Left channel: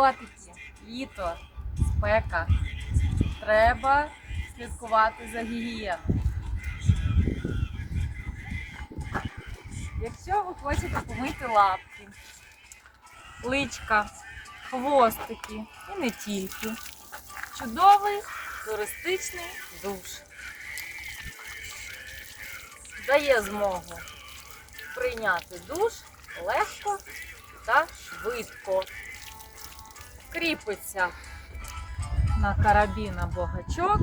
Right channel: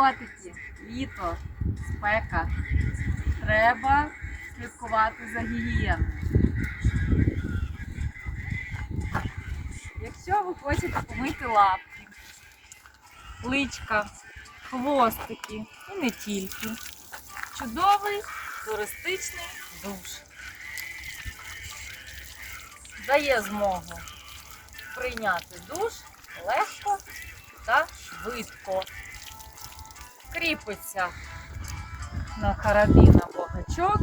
котики, літо, спека. Треба слідкувати за гігієною. Якщо ви хочете помити лапки, личка, хвостики і не тільки. Чудовий туристичний душ. Дає змогу прийняти душ легко та швидко. Кріпиться на карабін або гачок.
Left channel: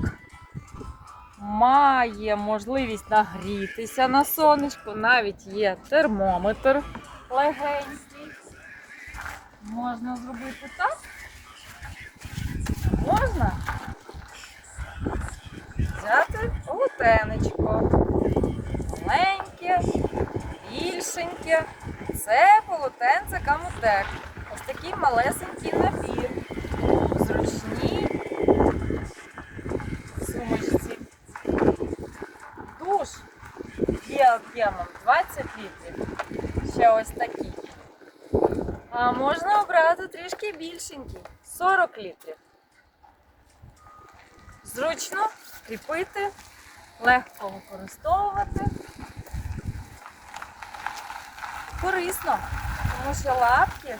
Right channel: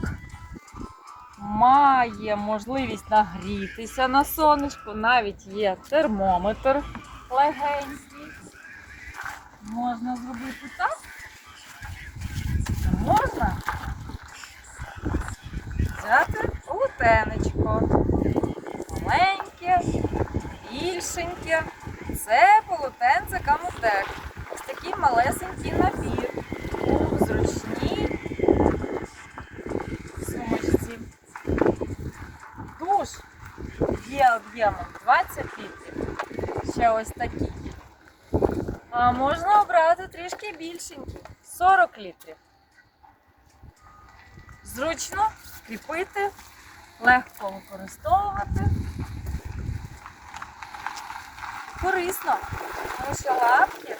Має можливість нагрітися на сонечку, навіть є термометр легенький. Можна зробити так. Можна взяти полотенечко. Маленьке, більшеньке. Це полотенце камутек. Ось такий малесенький набір. В Зручній сумочці. Душ є об'ємом 20 літрів. Ще ось такий. А можна обрати трішки більшенький 40 літрів. Зручно кріпити, легко використовувати. Корисно, тому що лапки,